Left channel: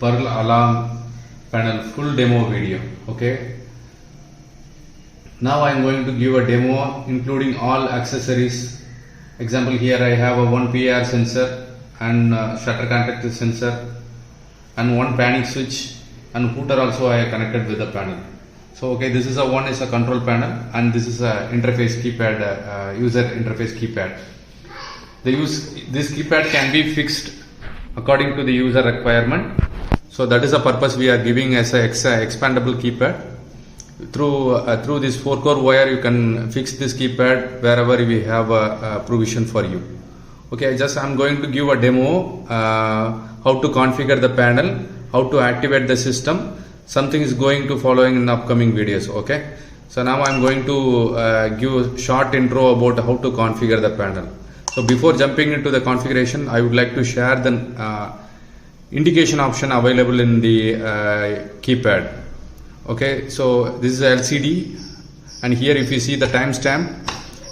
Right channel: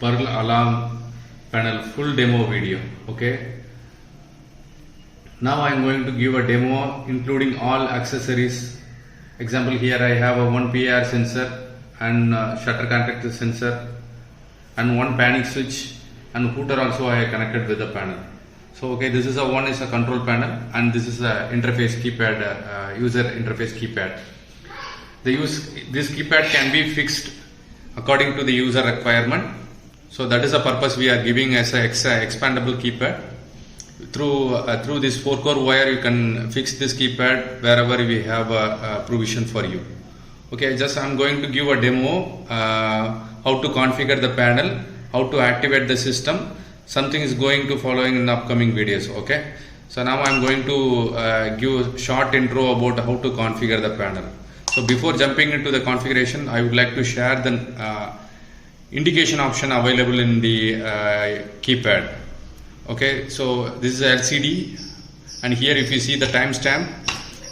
Pearl alarm panel full demo video. Okay. Now I am going to give a demo including all accessories. Example, here I have a 1 PIR sensor and shutter contactor sensor and one panic switch and hooter also I have connected with the panel. So okay, this is one is a control panel and this is a interface keypad, user interface keypad. This keypad can be fixed according to the user requirement. So that is the purpose we are giving as a expandable keypad. Through this 4-core wire you can fix this keypad wherever we have a provision for you. Okay, I'm going to give a demo how to configure the panel, how to activate the system. Something is going to following in upcoming videos. Okay, so now I am going to give a short intro about how to configure the panel. So before jumping into the configuration, I would like to share the indication option available in the keypad. Okay, so this is a LCD and here if you see the timestamp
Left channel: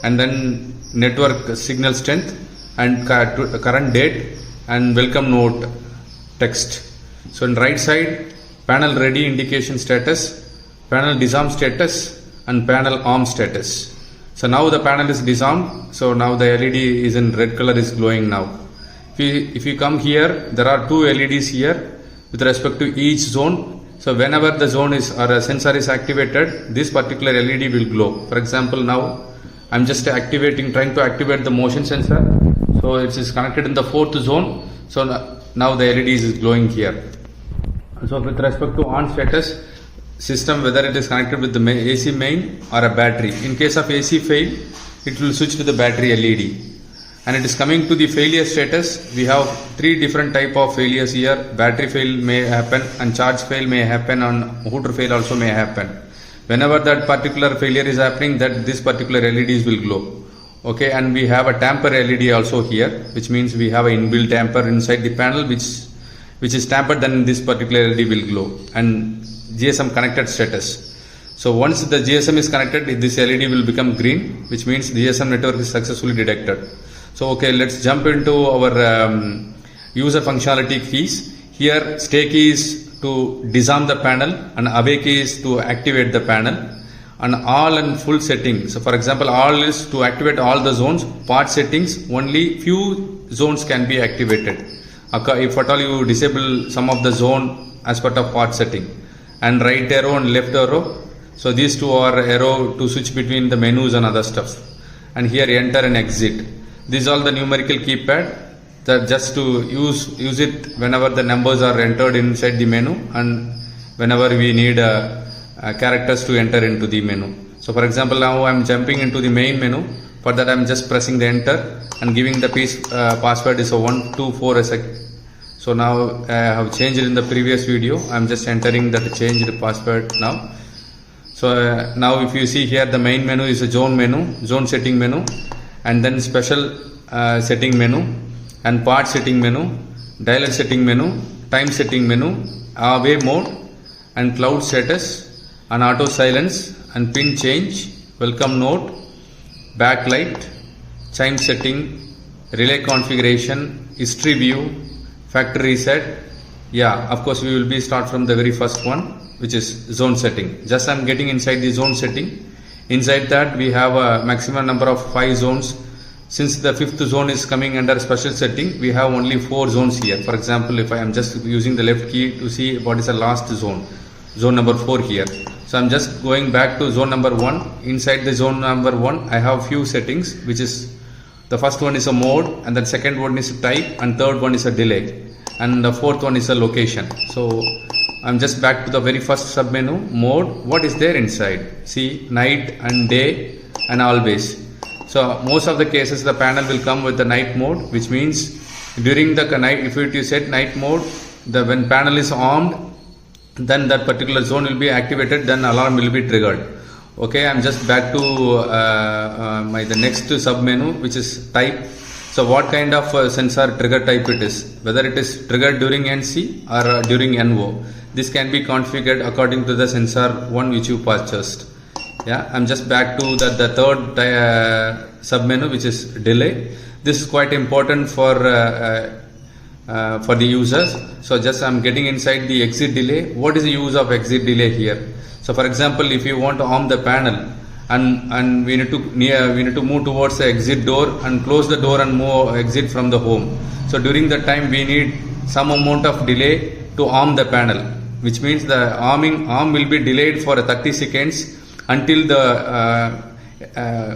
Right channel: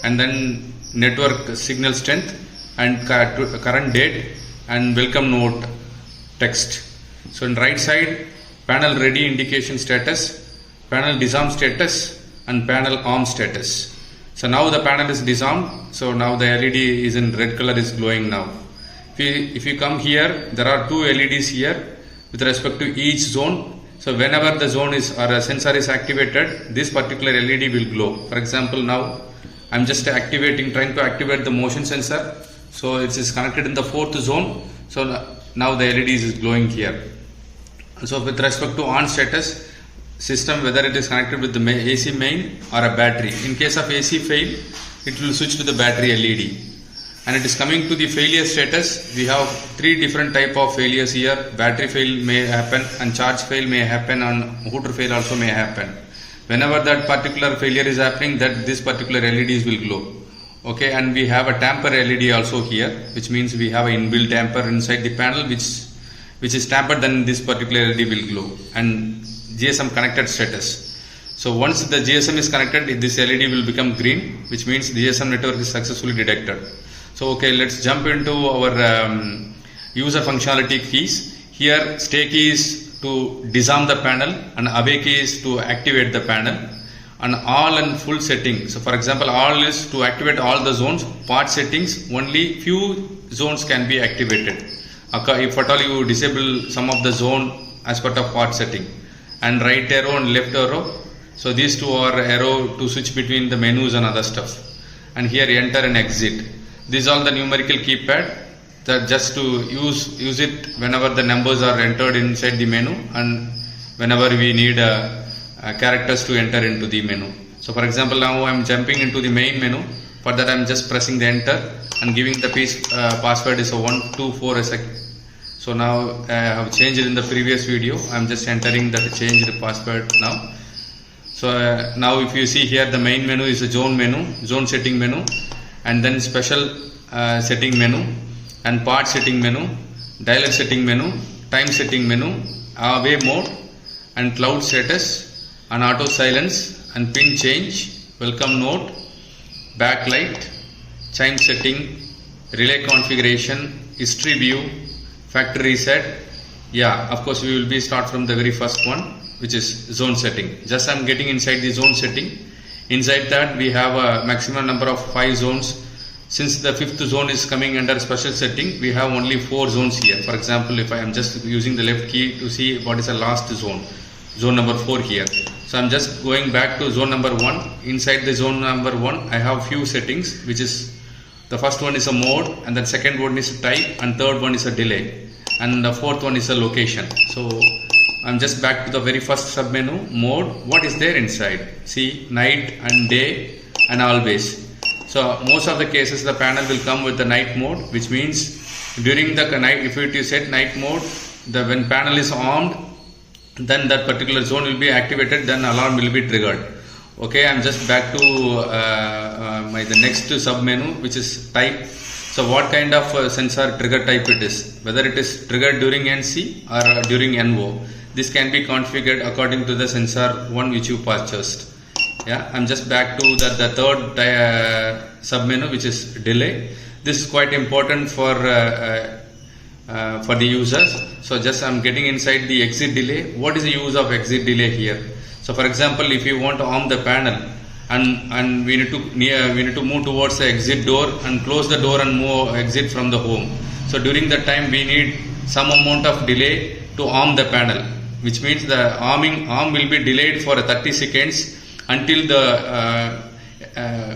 and then network signal strength and current date and welcome note text. So in right side, panel ready indication status, panel disarm status and panel arm status. So now the panel is disarmed, so now the LED is in red color, is glowing now. If you come here, there are two LEDs here with respect to each zone. So whenever the zone is or a sensor is activated, this particular LED will glow. For example, now I am just trying to activate the motion sensor. So it is connected in the 4th zone. So now the LED is glowing here. So with respect to on status, system whether it is connected with the AC main or a battery. In case of AC fail, it will switch to the battery LED. And it is coming to the failure status. We have 3 different type of failures here. Battery fail may happen and charge fail may happen and hooter fail also may happen. Whenever that particular failure is happening, that this particular LEDs will glow. Okay, and we have a tamper LED also here, which means we have an inbuilt tamper inside the panel which is tampered, then this particular LED will glow. And GSM connected status. So once the GSM is connected, this LED will become green, which means GSM network is successfully detected. So okay, let's jump into our user functionality keys. Here stay key is to disarm the panel and away key is to activate the panel, and all and full settings. So for example, all is to activate all the zones. Part settings, only few zones can be activated. If at all you disable some of the zone as part of part setting. And right arrow and left arrow. So these two are arrow to switch between the menus and other stuff. And here enter and exit. These are all the numerical keypad that just to use it whenever the numbers are entered inside the menu and whenever we need characters to enter into the menu. So for example, now I am jumping into the main menu. For that I am just pressing the enter and giving the password is a 124 a second. So now I have changed it in the previous video. I am just entering that changed password now. So now if you see here, the main menu is a zone menu, zone setting menu, and then special setting menu and part setting menu, dialer setting menu, time setting menu, away mode and cloud status and auto silence and pin change, welcome note, backlight, chime setting, relay configuration, history view, factory reset. Yeah, of course we will be start from the very first one, which is zone setting. Just I am getting inside the zone setting. Inside that we have a maximum number of 5 zones. Since the 5th zone is coming under special setting, we have only 4 zones here. For example, if I am just using the left key to see what is the last zone, zone number 4 here. So I am just going back to zone number 1. Inside the zone number 1, I have few settings, which is the first one is a mode, and then second one is a type, and third one is a delay, and the fourth one is a location. So I'm just back to the very first submenu, mode. What is there inside? See, night and day and always. So most of the cases the panel will come with the night mode, which means during the night, if you set night mode, when panel is armed, then that particular zone will be activated, then alarm will be triggered. Okay, I'm just back to the next submenu, which is type. So what kind of sensor trigger type it is, whether it is triggered during NC or during NO. This can be configured according to the sensor one which you purchased. Yeah, I'm just back to the third submenu, which is delay. This is quite important for for the users. So just I'm getting inside the exit delay. What is the use of exit delay here? So for example, if you want to arm the panel and we need to move towards the exit door and close the door and move exit from the home. So during that time we need some amount of delay to arm the panel, which means the arm will be delayed for 30 seconds until the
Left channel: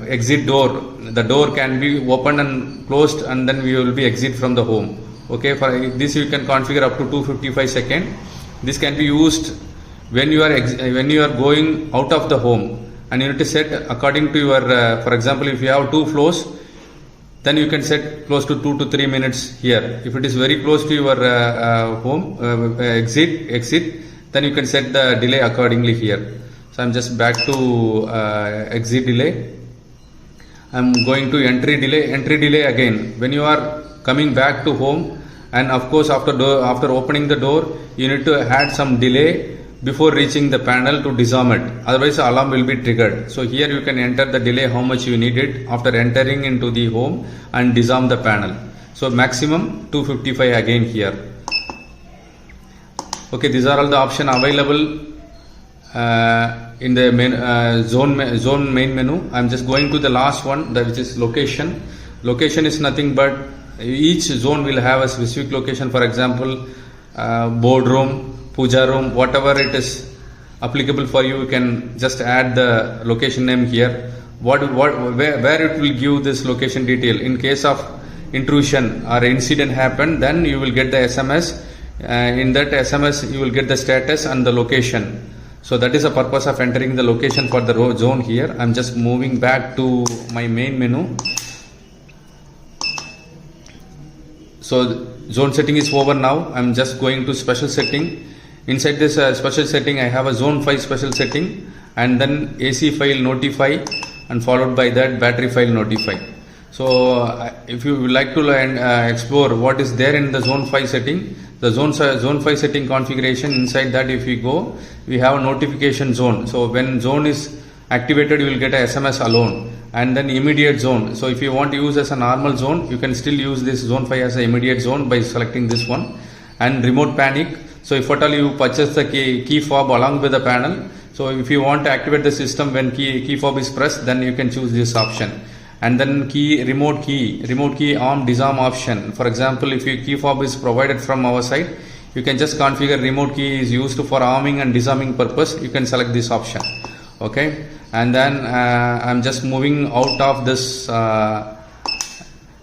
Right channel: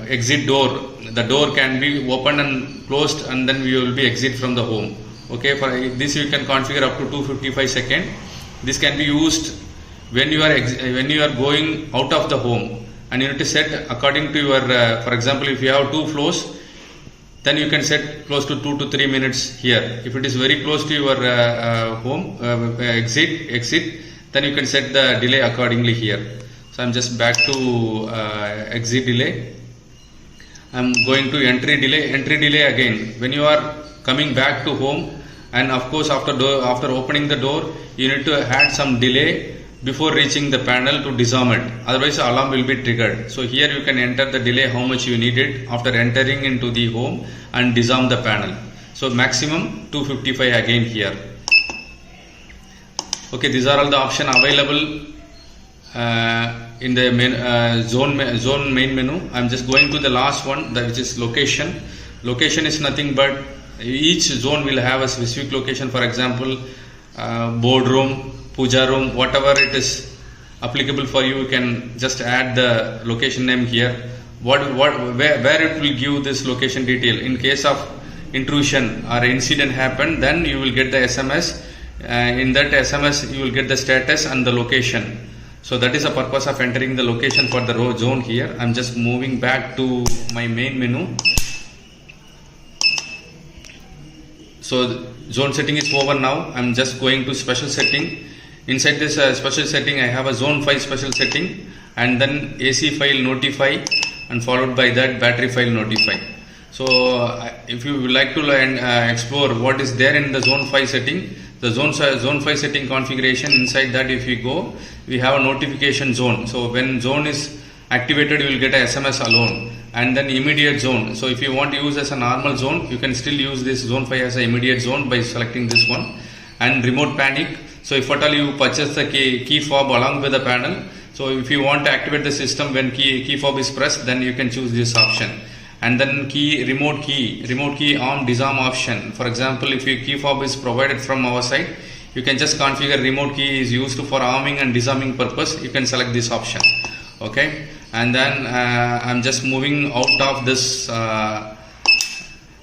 exit door, the door can be opened and closed, and then we will be exit from the home. Okay, for this you can configure up to 255 seconds. This can be used when you are going out of the home, and you need to set according to your for example, if you have 2 floors, then you can set close to 2 to 3 minutes here. If it is very close to your home exit, then you can set the delay accordingly here. So I'm just back to exit delay. I'm going to entry delay again. When you are coming back to home, and of course after opening the door, you need to add some delay before reaching the panel to disarm it. Otherwise the alarm will be triggered. So here you can enter the delay how much you need it after entering into the home and disarm the panel. So maximum 255 again here. Okay, these are all the options available in the main, zone main menu. I'm just going to the last one, which is location. Location is nothing but each zone will have a specific location. For example, boardroom, puja room, whatever it is applicable for you, you can just add the location name here. Where it will give this location detail. In case of intrusion or incident happen, then you will get the SMS. In that SMS you will get the status and the location. So that is the purpose of entering the location for the zone here. I'm just moving back to my main menu. So zone setting is over now. I'm just going to special setting. Inside this special setting, I have a zone file special setting, and then AC file notify, and followed by that battery file notify. So if you would like to explore what is there in the zone file setting, the zone file setting configuration, inside that if we go, we have a notification zone. So when zone is activated, you will get a SMS alone, and then immediate zone. So if you want to use as a normal zone, you can still use this zone 5 as an immediate zone by selecting this one. And remote panic. So if at all you purchase the key fob along with the panel, so if you want to activate the system when key fob is pressed, then you can choose this option. And then remote key arm disarm option. For example, if your key fob is provided from our side, you can just configure remote key is used for arming and disarming purpose. You can select this option. Okay, and then I'm just moving out of this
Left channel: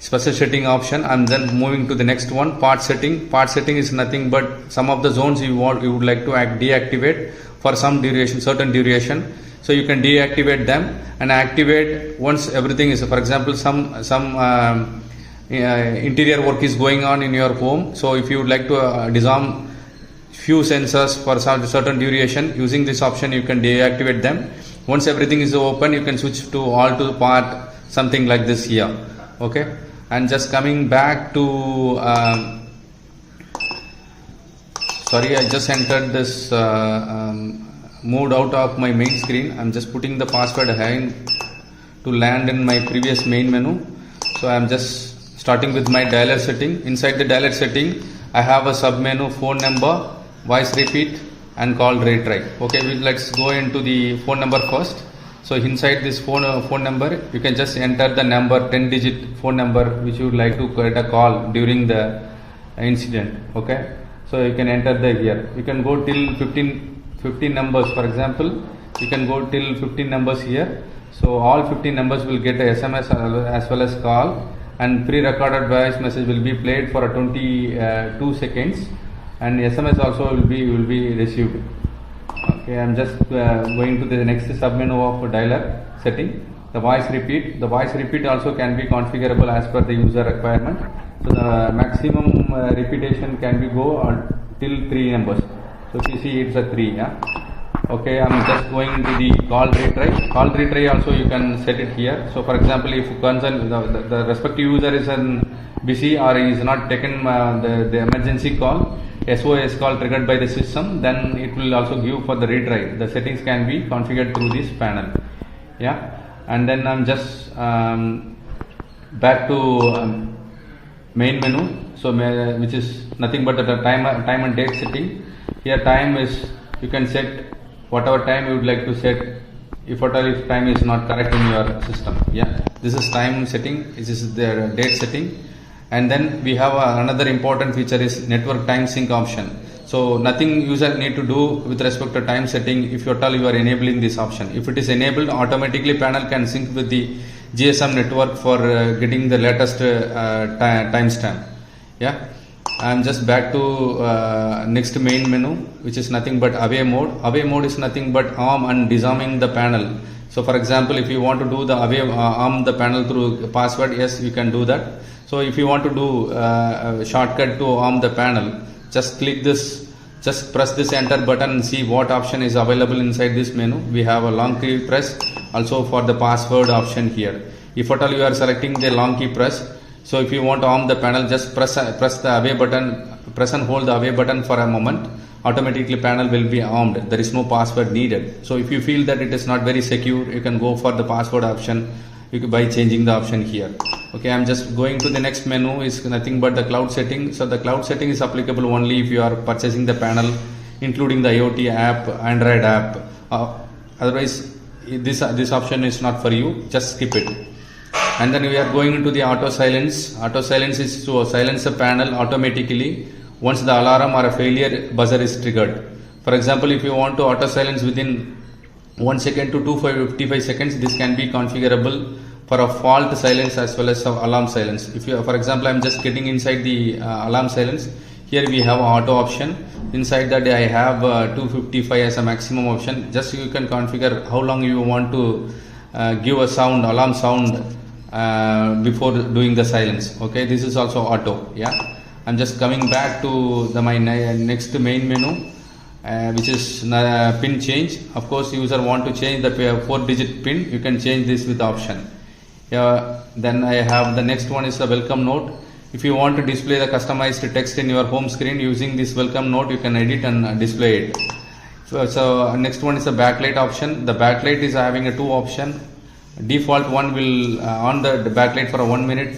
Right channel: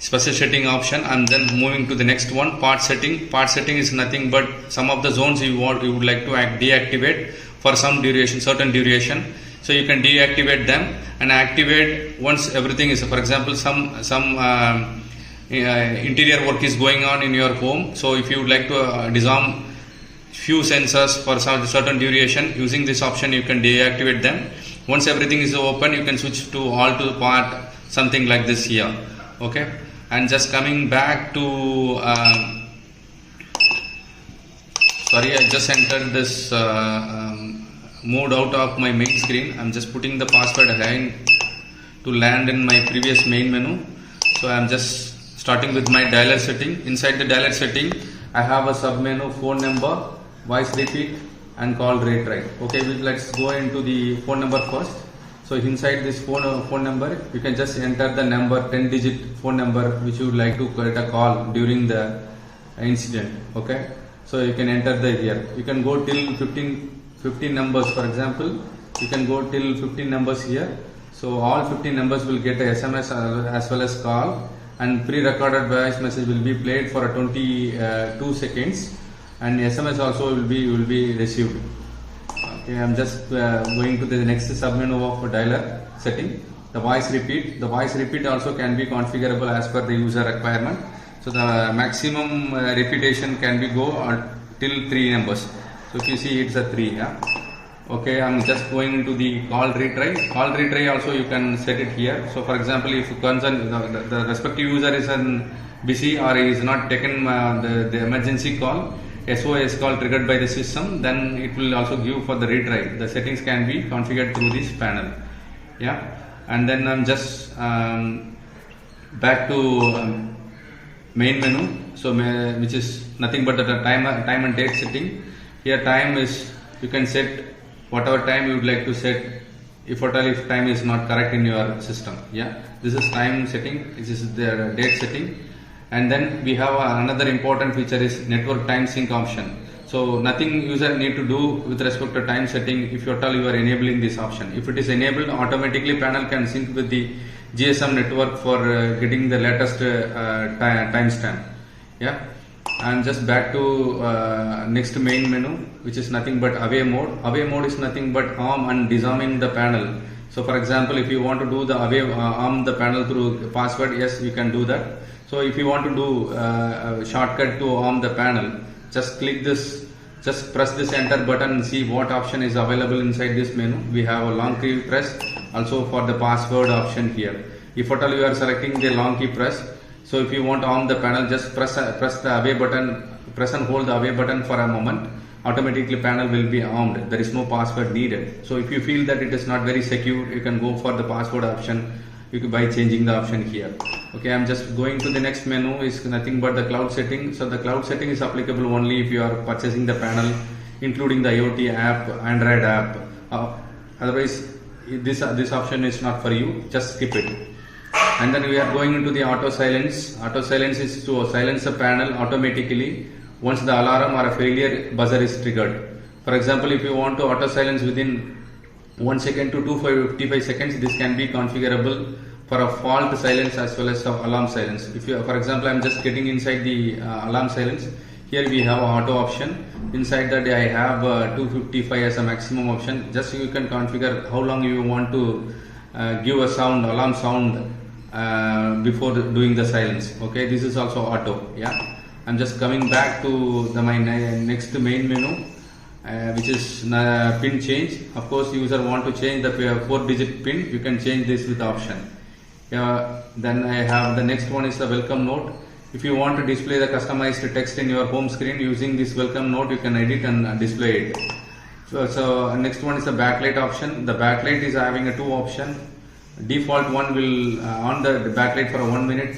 special setting option, and then moving to the next one, part setting. Part setting is nothing but some of the zones you would like to deactivate for some duration, certain duration. So you can deactivate them and activate once everything is, for example, some interior work is going on in your home. So if you would like to disarm few sensors for some certain duration, using this option you can deactivate them. Once everything is open, you can switch to all to part, something like this here. Okay, and just coming back to sorry, I just entered this moved out of my main screen. I'm just putting the password again to land in my previous main menu. So I'm just starting with my dialer setting. Inside the dialer setting, I have a sub menu, phone number, voice repeat, and call retry. Okay, let's go into the phone number first. So inside this phone number, you can just enter the number, 10-digit phone number which you would like to get a call during the incident. Okay, so you can enter the here. You can go till 15 numbers. For example, you can go till 15 numbers here. So all 15 numbers will get a SMS as well as call, and pre-recorded voice message will be played for 22 seconds, and SMS also will be received. Okay, I'm just going to the next submenu of dialer setting. The voice repeat also can be configurable as per the user requirement. So the maximum repetition can be go till 3 numbers. So if you see, it's a 3. Yeah. Okay, I'm just going to the call retry. Call retry also you can set it here. So for example, if the respective user is busy or is not taken the emergency call, SOS call triggered by the system, then it will also give for the retry. The settings can be configured through this panel. Yeah, and then I'm just back to main menu. so which is nothing but the time and date setting. Here time is, you can set whatever time you would like to set, if at all if time is not correct in your system. Yeah, this is time setting, this is the date setting. And then we have another important feature is network time sync option. So nothing user need to do with respect to time setting if at all you are enabling this option. If it is enabled, automatically panel can sync with the GSM network for getting the latest timestamp. Yeah, and just back to next main menu, which is nothing but away mode. Away mode is nothing but arm and disarming the panel. So for example, if you want to do the away arm the panel through password, yes, we can do that. So if you want to do a shortcut to arm the panel, just click this, just press this enter button and see what option is available inside this menu. We have a long key press also for the password option here. If at all you are selecting the long key press, so if you want to arm the panel, just press the away button, press and hold the away button for a moment. Automatically panel will be armed. There is no password needed. So if you feel that it is not very secure, you can go for the password option by changing the option here. Okay, I'm just going to the next menu, is nothing but the cloud setting. So the cloud setting is applicable only if you are purchasing the panel including the IoT app, Android app. Otherwise this option is not for you, just skip it. And then we are going into the auto silence. Auto silence is to silence the panel automatically once the alarm or a failure buzzer is triggered. For example, if you want to auto silence within 1 second to 255 seconds, this can be configurable for a fault silence as well as alarm silence. If you, for example, I'm just getting inside the alarm silence. Here we have auto option. Inside that I have 255 as a maximum option. Just you can configure how long you want to give a sound, alarm sound before doing the silence. Okay, this is also auto. Yeah, I'm just coming back to my next main menu. Which is pin change. Of course, user want to change the 4-digit pin, you can change this with option. Then I have the next one is the welcome note. If you want to display the customized text in your home screen using this welcome note, you can edit and display it. So next one is the backlight option. The backlight is having a 2 option. Default one will on the backlight for 1 minute.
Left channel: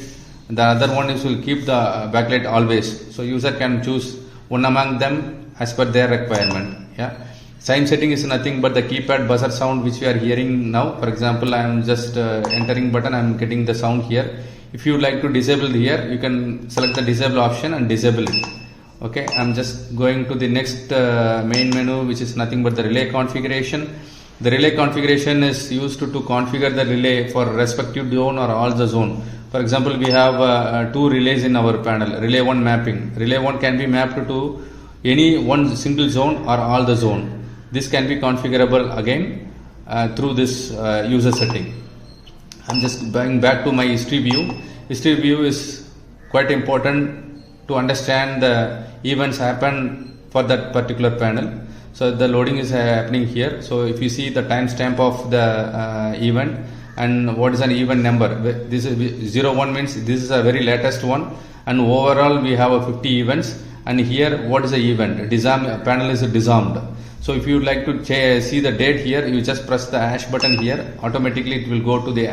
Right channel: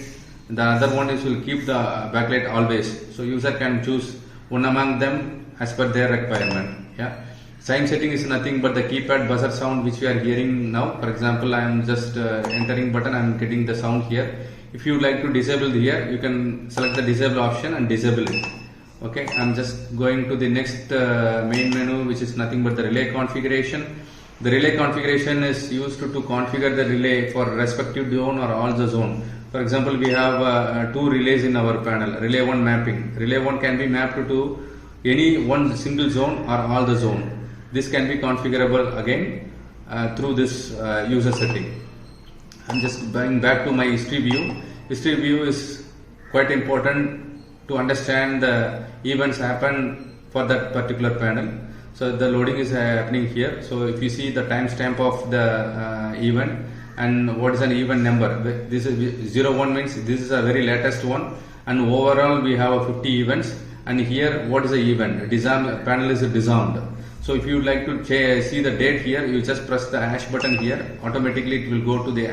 The other one is will keep the backlight always. So user can choose one among them as per their requirement. Yeah, sign setting is nothing but the keypad buzzer sound which we are hearing now. For example, I am just entering button, I am getting the sound here. If you like to disable here, you can select the disable option and disable it. Okay, I am just going to the next main menu, which is nothing but the relay configuration. The relay configuration is used to configure the relay for respective zone or all the zone. For example, we have 2 relays in our panel. Relay 1 mapping. Relay 1 can be mapped to any one single zone or all the zone. This can be configurable again through this user setting. I'm just going back to my history view. History view is quite important to understand the events happen for that particular panel. So the loading is happening here. So if you see the timestamp of the event and what is an event number, this is 01 means this is a very latest one, and overall we have a 50 events. And here what is the event? Disarm panel is disarmed. So if you would like to see the date here, you just press the hash button here. Automatically it will go to the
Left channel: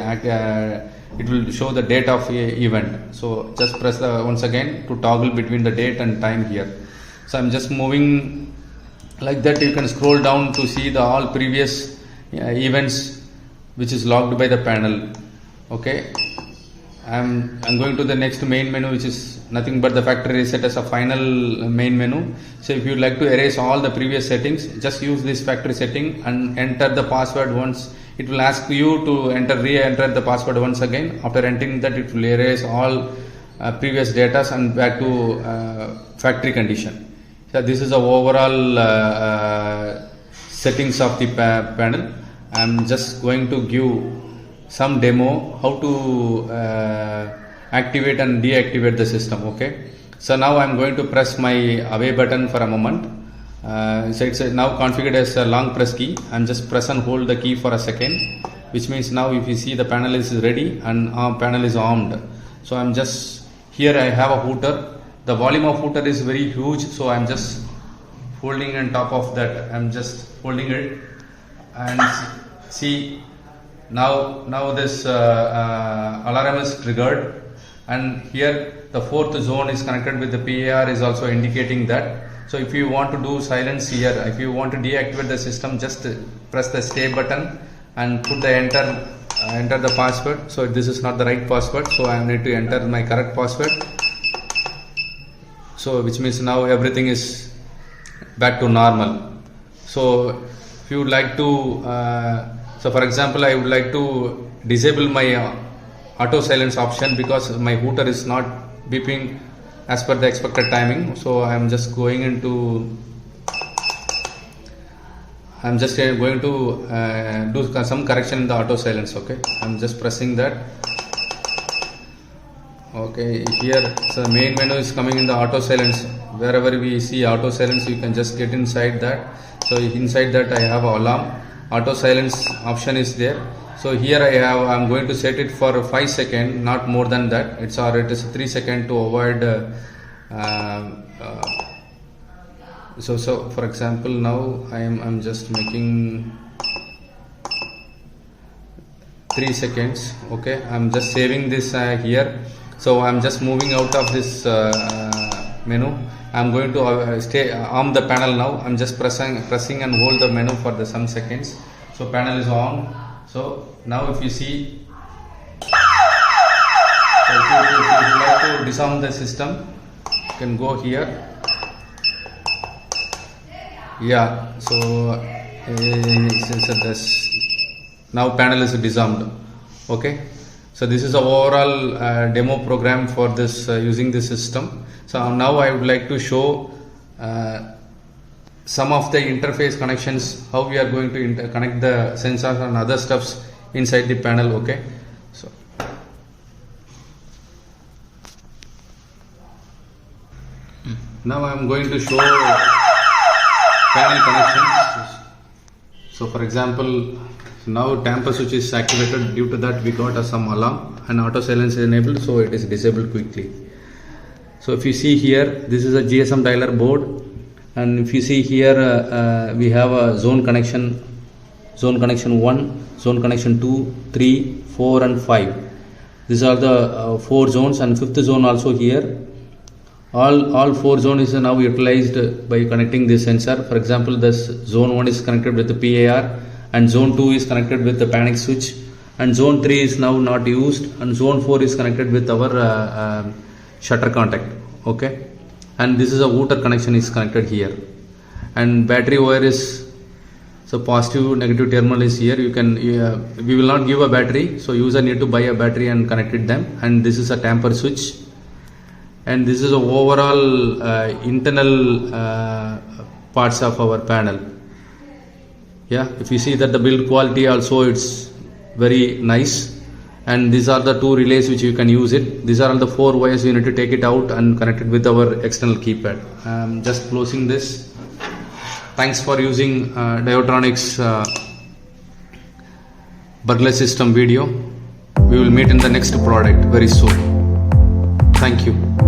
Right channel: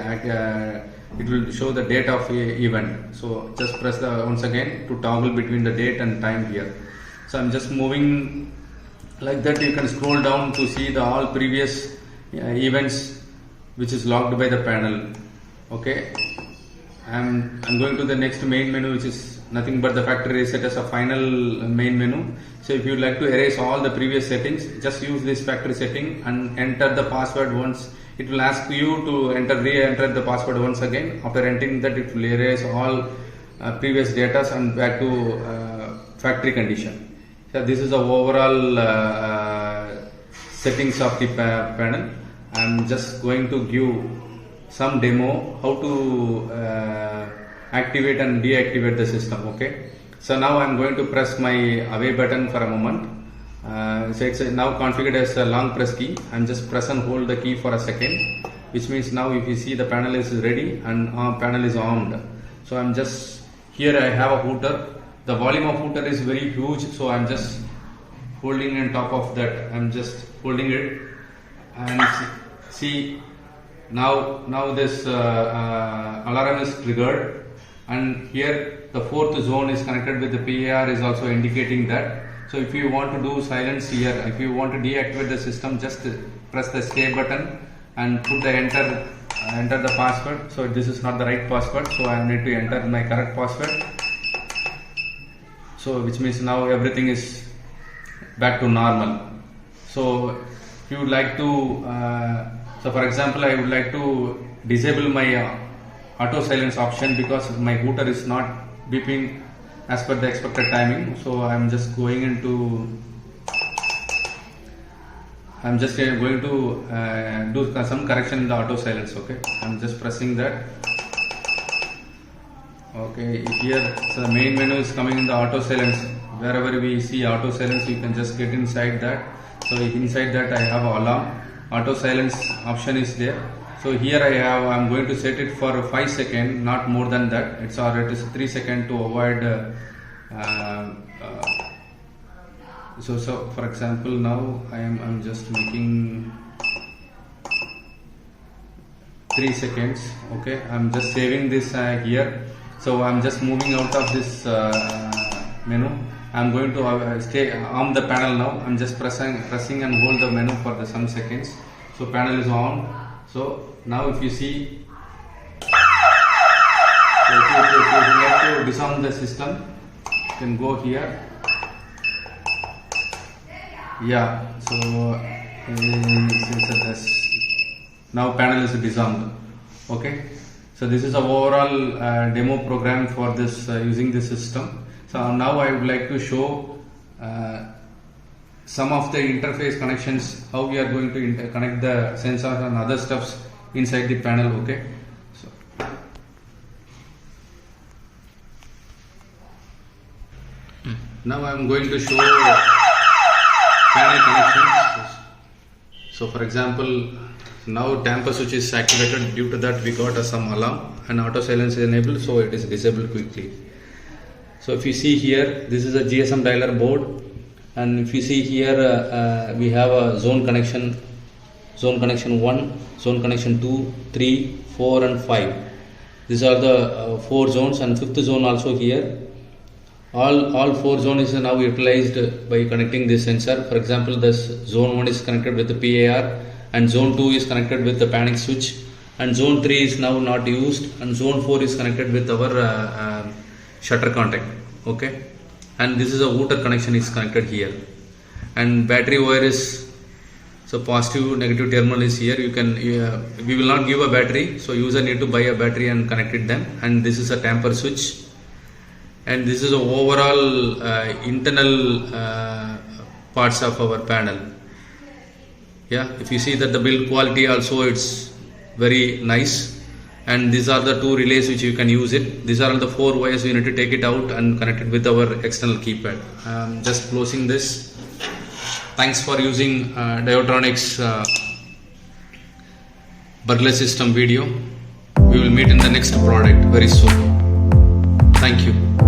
it will show the date of event. So just press once again to toggle between the date and time here. So I'm just moving like that. You can scroll down to see the all previous events which is logged by the panel. Okay, I'm going to the next main menu, which is nothing but the factory reset as a final main menu. So if you like to erase all the previous settings, just use this factory setting and enter the password once. It will ask you to re-enter the password once again. After entering that, it will erase all previous data and back to factory condition. So this is the overall settings of the panel. I'm just going to give some demo how to activate and deactivate the system. Okay, so now I'm going to press my away button for a moment. So it's now configured as a long press key. I'm just press and hold the key for a second, which means now if you see the panel is ready and panel is armed. So I'm just here, I have a hooter. The volume of hooter is very huge, so I'm just holding on top of that. I'm just holding it and see now this alarm is triggered, and here the fourth zone is connected with the PAR is also indicating that. So if you want to do silence here, if you want to deactivate the system, just press the stay button and put the enter the password. So this is not the right password, so I need to enter my correct password. So which means now everything is back to normal. So if you would like to, so for example, I would like to disable my auto silence option because my router is not beeping as per the expected timing. So I am just going into, I am just going to do some correction in the auto silence. Okay, I am just pressing that. Okay, here so the main menu is coming in the auto silence. Wherever we see auto silence, you can just get inside that. So inside that I have alarm. Auto silence option is there. So here I'm going to set it for 5 seconds, not more than that. It is 3 seconds to avoid. So for example, now I'm just making 3 seconds. Okay, I'm just saving this here. So I'm just moving out of this menu. I'm going to stay on the panel now. I'm just pressing and hold the menu for some seconds. So panel is on. So now if you see, so if you like to disarm the system, you can go here. Yeah, so now panel is disarmed. Okay, so this is the overall demo program for this using this system. So now I would like to show some of the interface connections, how we are going to connect the sensors and other stuffs inside the panel. Okay, so now I am going to show panel connections. So for example, now tamper switch is activated. Due to that we got some alarm and auto silence is enabled, so it is disabled quickly. So if you see here, this is a GSM dialer board. And if you see here, we have a zone connection 1, zone connection 2, 3, 4 and 5. These are the 4 zones, and 5th zone also here. All 4 zones is now utilized by connecting this sensor. For example, this zone 1 is connected with the PAR, and zone 2 is connected with the panic switch, and zone 3 is now not used, and zone 4 is connected with our shutter contact. Okay, and this is a router connection is connected here, and battery wire is, so positive negative terminal is here. You can we will not give a battery, so user need to buy a battery and connect it them. And this is a tamper switch, and this is the overall internal parts of our panel. Yeah, if you see that the build quality also, it's very nice. And these are the 2 relays which you can use it. These are the 4 wires. You need to take it out and connect it with our external keypad. Just closing this. Thanks for using Diodetronix burglar system video. We will meet in the next product very soon. Thank you.